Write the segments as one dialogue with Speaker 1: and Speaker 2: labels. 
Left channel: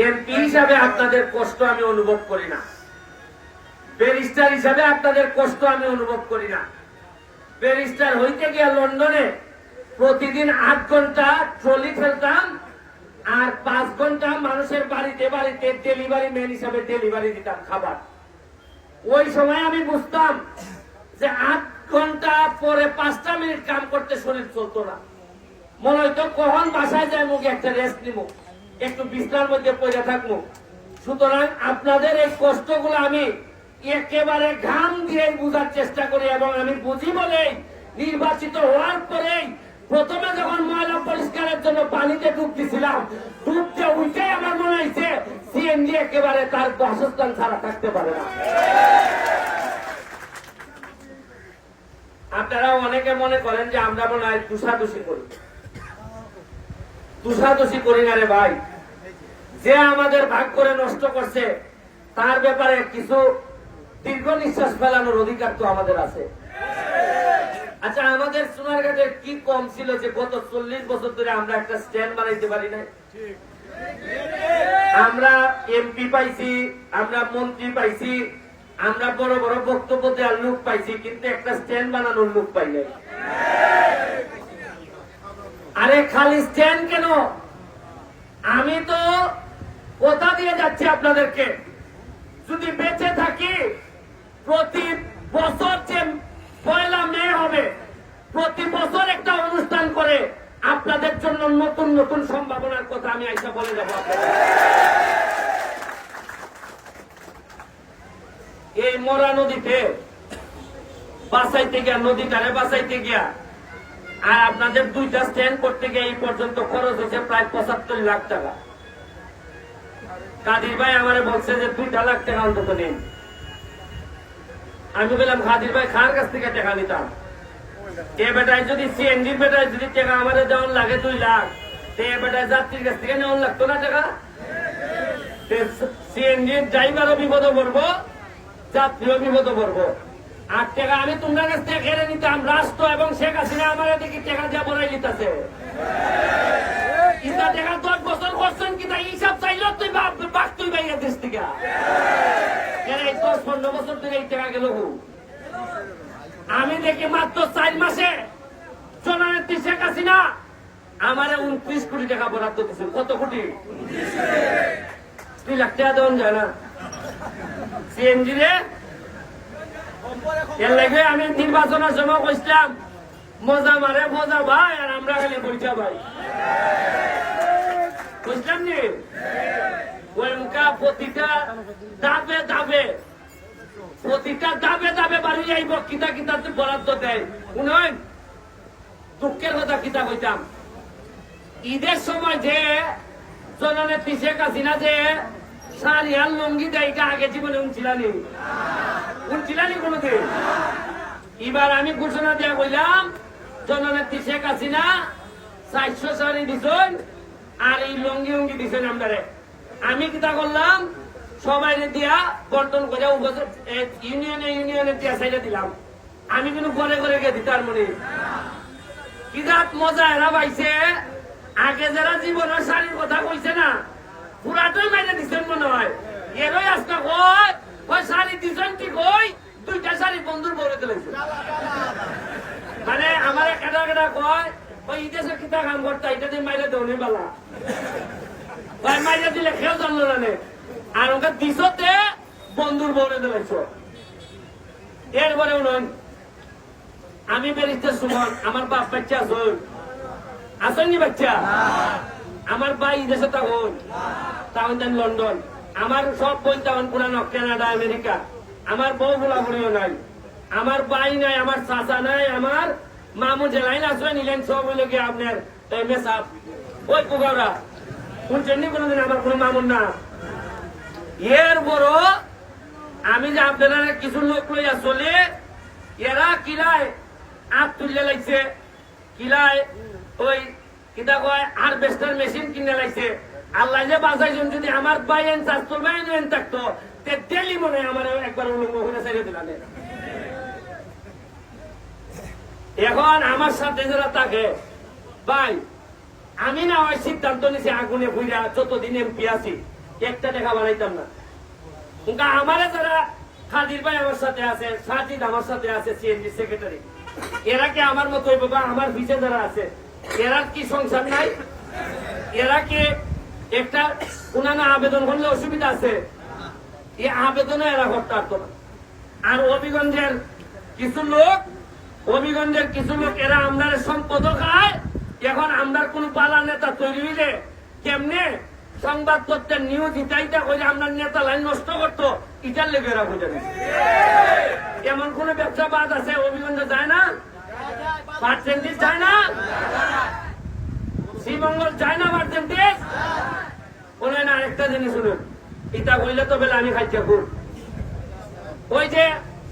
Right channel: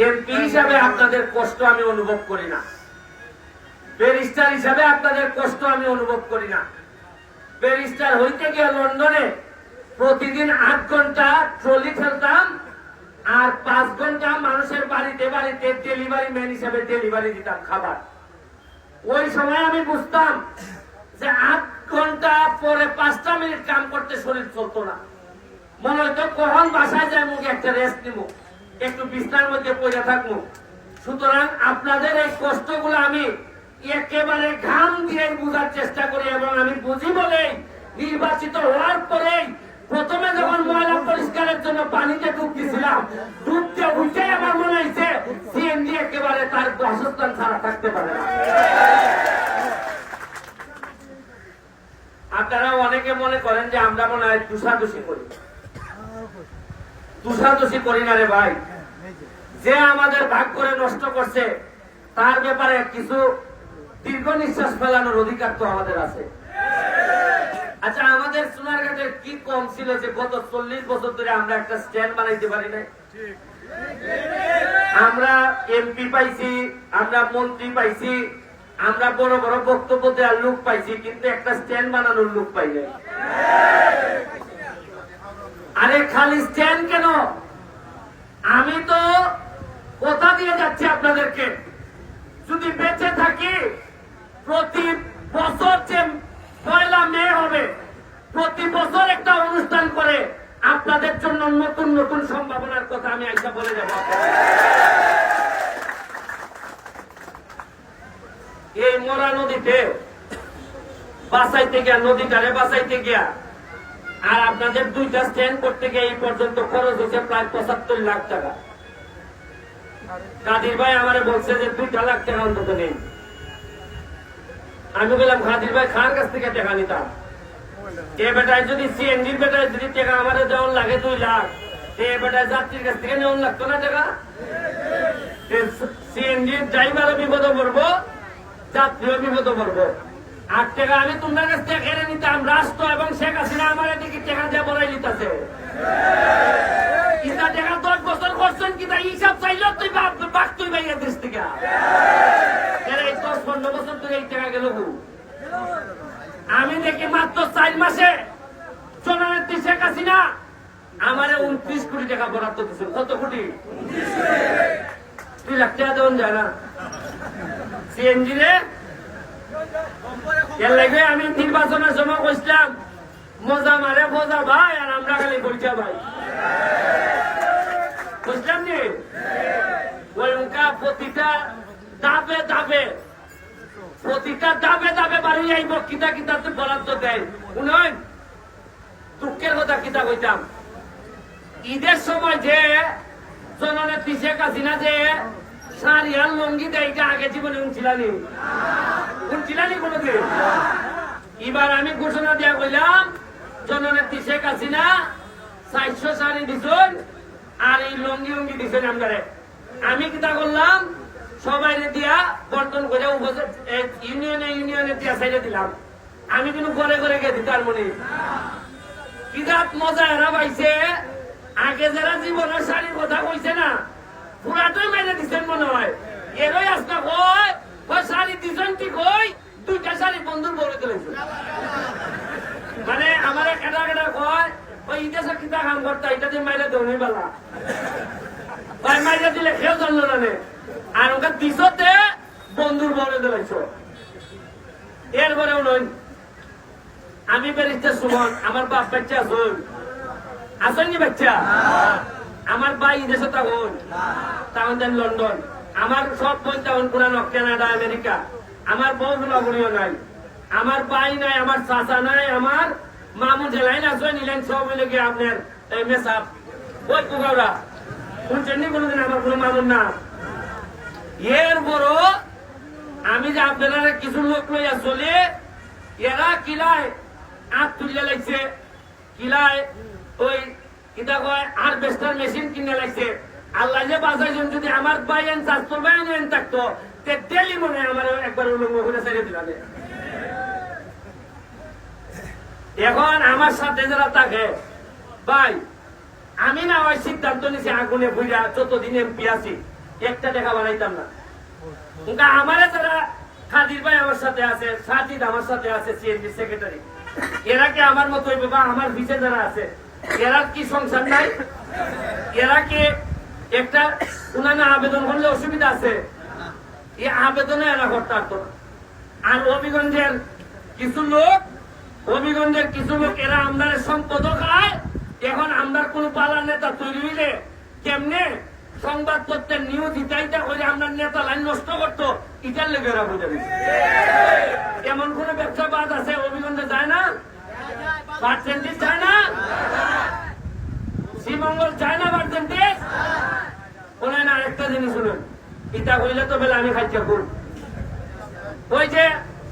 Speaker 1: MP হিসাবে আপনাদের কষ্ট আমি অনুভব করি না। ব্যারিস্টার হিসাবে আপনাদের কষ্ট আমি অনুভব করি না। ব্যারিস্টার হইতে গিয়ে লন্ডনে প্রতিদিন ঘণ্টা ট্রলি ফেলতাম আর পাঁচ ঘণ্টা মানুষের বাড়িতে বাড়িতে ডেলিভারি ম্যান হিসাবে ডেলিভারি দিতাম খাবার। ওই সময় আমি বুঝতাম যে আট ঘণ্টা পরে পাঁচটা মিনিট কাম করতে শরীর চলতো না। মনে হইতো কখন বাসায় যায় মুখে একটা রেস্ট নিব। একটু বিছনার মধ্যে পড়ে থাকব। সুতরাং আপনাদের এই কষ্টগুলো আমি একেবারে ঘাম দিয়ে বুঝার চেষ্টা করি এবং আমি বুঝি বলেই নির্বাচিত হওয়ার পরেই প্রথমে যখন ময়লা পরিষ্কারের জন্য পানিতে ডুব দিছিলাম ডুবতে উঠে আমার মনে হয়েছে, সিএনজি একেবারে তার বাসস্থান ছাড়া থাকতে পারে আপনারা অনেকে মনে করেন যে আমরা মনে হয় তুষাদুষি করি। তুষাদুষি করি না রে ভাই। যে আমাদের ভাগ করে নষ্ট করছে, তার ব্যাপারে কিছু দীর্ঘ নিঃশ্বাস ফেলানোর অধিকার তো আমাদের আছে। আচ্ছা আমাদের সোনারঘাটের কি কম ছিল যে গত চল্লিশ বছর ধরে আমরা একটা স্ট্যান্ড বানাইতে পারি নাই? আমরা এমপি পাইছি, আমরা মন্ত্রী পাইছি, আমরা বড় বড় বক্তব্য দেওয়ার লোক পাইছি, কিন্তু একটা স্ট্যান্ড বানানোর লোক পাই আরে খালি স্ট্যান্ড কেন আমি তো কথা দিয়ে যাচ্ছি আপনাদেরকে যদি বেঁচে থাকি, প্রতি বছর যে পয়লা মে হবে, প্রতি বছর একটা অনুষ্ঠান করে আপনাদের জন্য নতুন নতুন সম্ভাবনার কথা আমি আইসা বলে যাব। এই মরা নদীতে বাঁচাইতে গিয়া নদীটারে বাঁচাইতে গিয়া আর আপনাদের দুইটা স্ট্যান্ড করতে গিয়ে এই পর্যন্ত খরচ হয়েছে প্রায় পঁচাত্তর লাখ টাকা। কাদির ভাই আমার বলছে যে দুইটা লাখ টাকা অন্তত নেই আমি বললাম, কাদির ভাই খান কাছ থেকে টাকা নিতাম? এ বেটায় যদি সিএনজি বেটায় যদি টাকা আমার দেওয়ার লাগে দুই লাখ এ বেটায় যাত্রীর কাছ থেকে নেওয়ার লাগতো না টাকা? সিএনজি ড্রাইভারও বিপদে পড়ব, যাত্রীও বিপদে পড়ব। আট টাকা আমি তোমার কাছ থেকে কেড়ে নিতাম রাষ্ট্র এবং শেখ হাসিনা আমার এদিকে টাকা দিয়ে বলাই নিতেছে ইটা টাকা দশ বছর করছেন কিনা হিসাব চাইল তুই বাপ বাক তুই বাইরে দেশ থেকে। এই দশ পনেরো বছর ধরে এই টাকা গেল? আমি দেখি মাত্র চার মাসে জননেত্রী শেখ হাসিনা আমারে উনত্রিশ কোটি টাকা বরাদ্দ দিচ্ছে কত কোটি? দুই লাখ টাকা দেওয়া যায় না। সিএনজি রে আমি নির্বাচনের সময় কইছিলাম, মজা মারে, মজা ভাই, আর আমরা খালি বলছা ভাই। বুঝলাম নি? ওই মুখা প্রতিটা দাবে দাবে প্রতিটা দাবে দাবে বাড়ি কিতা কিতা বরাদ্দ দেয়। শুনুন, দুঃখের কথা কিতা কইতাম? ঈদের সময় যে জননেত্রী শেখ হাসিনা যে আর লঙ্গি দেয় আগে জীবনে উনছিলানি কোনোদিন? এবার আমি ঘোষণা দিয়া কইলাম, জননেত্রী শেখ হাসিনা চারশো শাড়ি দিছেন আর এই লঙ্গি উঙ্গি দিছেন আপনারে আমি কিতা করলাম সবাই দিয়া বন্টন করে ইউনিয়নে ইউনিয়নে দিয়া সাইডে দিলাম। আমি কিন্তু ঘরে ঘরে গেছি, তার মনে। কিরাত মজা এরা পাইছে? আগে যারা জীবনের শাড়ির কথা কইছে না, পুরাটাই মাইনে দিচ্ছেন মনে হয়। এরই আজকে কয় কয় শাড়ি দিছেন কি কই? দুইটা শাড়ি বন্ধুর বলে দিলেছে মানে আমার কেটা কেটা কয় ওই ইতিহাসে কিতা কাম করতা এটা দিয়ে মাইরে দেওয়া বালা। ভাই মাইরে দিলে খেয়েও জানলো না আর ওকে দিছতে বন্ধুর বলে দিলেছ এরপরেও নয়। আমি ব্যারিস্টার সুমন আমার বাপ বাচ্চা আসুন আসেননি বাচ্চা? আমার ভাই দেশে তখন দেন লন্ডন। আমার সব বই তখন পুরানো কানাডা, আমেরিকা। আমার বউ বুলাবুলিও নাই। আমার ভাই নাই, আমার চাচা নাই, আমার মামু জেলাইন আসবে, নিলেন সব মিলে গিয়ে আপনার মেসাপ ওই কুকাওরা শুনছেন নি কোনোদিন আমার কোনো মামুন না এর বড়, আমি যে আপনারা কিছু লোক লইয়া চলে, এরা কিলায় আপ তুলে লাগছে কিলায় ওই কিতা কয় আর বেস্টার মেশিন কিনে লাগছে আল্লাহ যে বাঁচাইছেন, যদি আমার বাইন চাস্তর বাইন এন থাকতো, তে মনে হয় আমার একবার করে ছেড়ে দিলাম এখন আমার সাথে যারা থাকে, ভাই, আমি না ওই সিদ্ধান্ত নিছি আগুনে বুঝা যতদিন এমপি আছি, একটা টাকা বানাইতাম না। উনকা আমারে যারা খাদির ভাই আমার সাথে আছে, সাজিদ আমার সাথে আছে, সিএনজি সেক্রেটারি, এরা কি আমার মতো হইব বা আমার বিচে যারা আছে, এরা কি সংসার নাই? এরা কি একটা উনানা আবেদন করলে অসুবিধা আছে। এই আবেদনে এরা করতে পারতো আর হবিগঞ্জের কিছু লোক, হবিগঞ্জের কিছু লোক, এরা আমরার সম্পদ খায়। এখন আমরার কোন পালা নেতা তৈরি হইলে কেমনে সংবাদ সংবাদপত্রের নিউজ ইটাইটা করে আমরা নেতা লাইন নষ্ট করতো, ইটার লেগে এরা বুঝে। এমন কোন ব্যবসা বাদ আছে, হবিগঞ্জে যায় না? পার্সেন্টেজ যায় না? শ্রীমঙ্গল যায় না পার্সেন্টেজ বলে না একটা জিনিস শুনুন। ইটা কইলে তো বেলা আমি খাইছি খুব ওই যে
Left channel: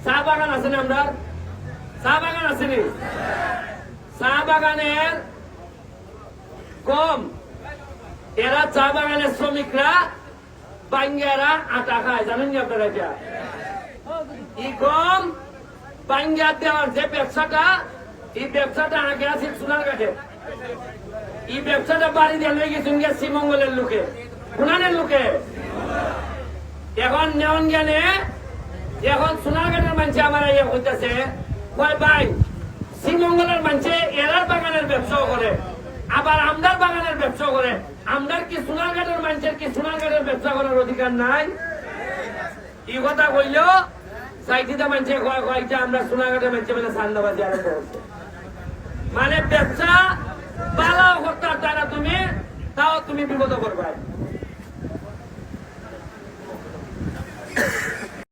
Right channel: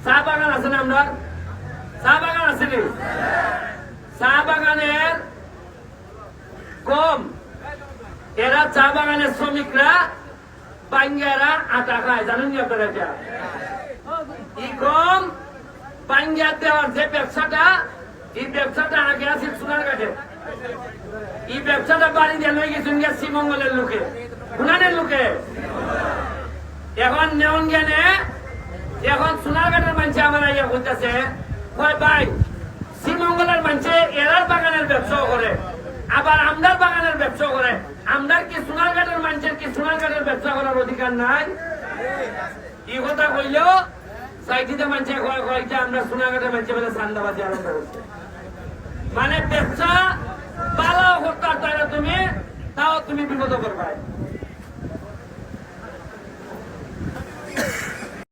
Speaker 1: চা বাগান আছে না আমরা চা বাগান আছে নি? চা বাগানের কম এরা চা বাগানের শ্রমিকরা বাঙ্গারা আটা খায়। জানেন আপনারা এটা? ই কম বাঙ্গা দেওয়ার যে ব্যবসাটা, এই ব্যবসাটা আগে আছে সোনার কাটে এই ব্যবসাটা বাড়ি দিয়ে লই গেছেন গিয়া শ্রীমঙ্গলের লোকে। উনানের লোকে। এখন নেওয়ান জ্ঞানে এখন সোনারঘাটের মানুষে আমার ইয়ে করতেছে কয় ভাই, শ্রীমঙ্গলের মানুষে এরার বাগানের ব্যবসাও করে, আবার আমদার বাগানের ব্যবসা করে। আমদার কি সোনারঘাটের মানুষের কি সোনারঘাটের ব্যবসা করার অধিকার নাই? এই কথা কইল সাইটিটা মানুষে কয়, কয়েকটা আমরা সোনারঘাটের মানুষে বলে সান্দাবাজি আরম্ভ মানে ব্যবসা পালাও হত্যা পারতো না তুমি তাও তুমি বিপদ করবা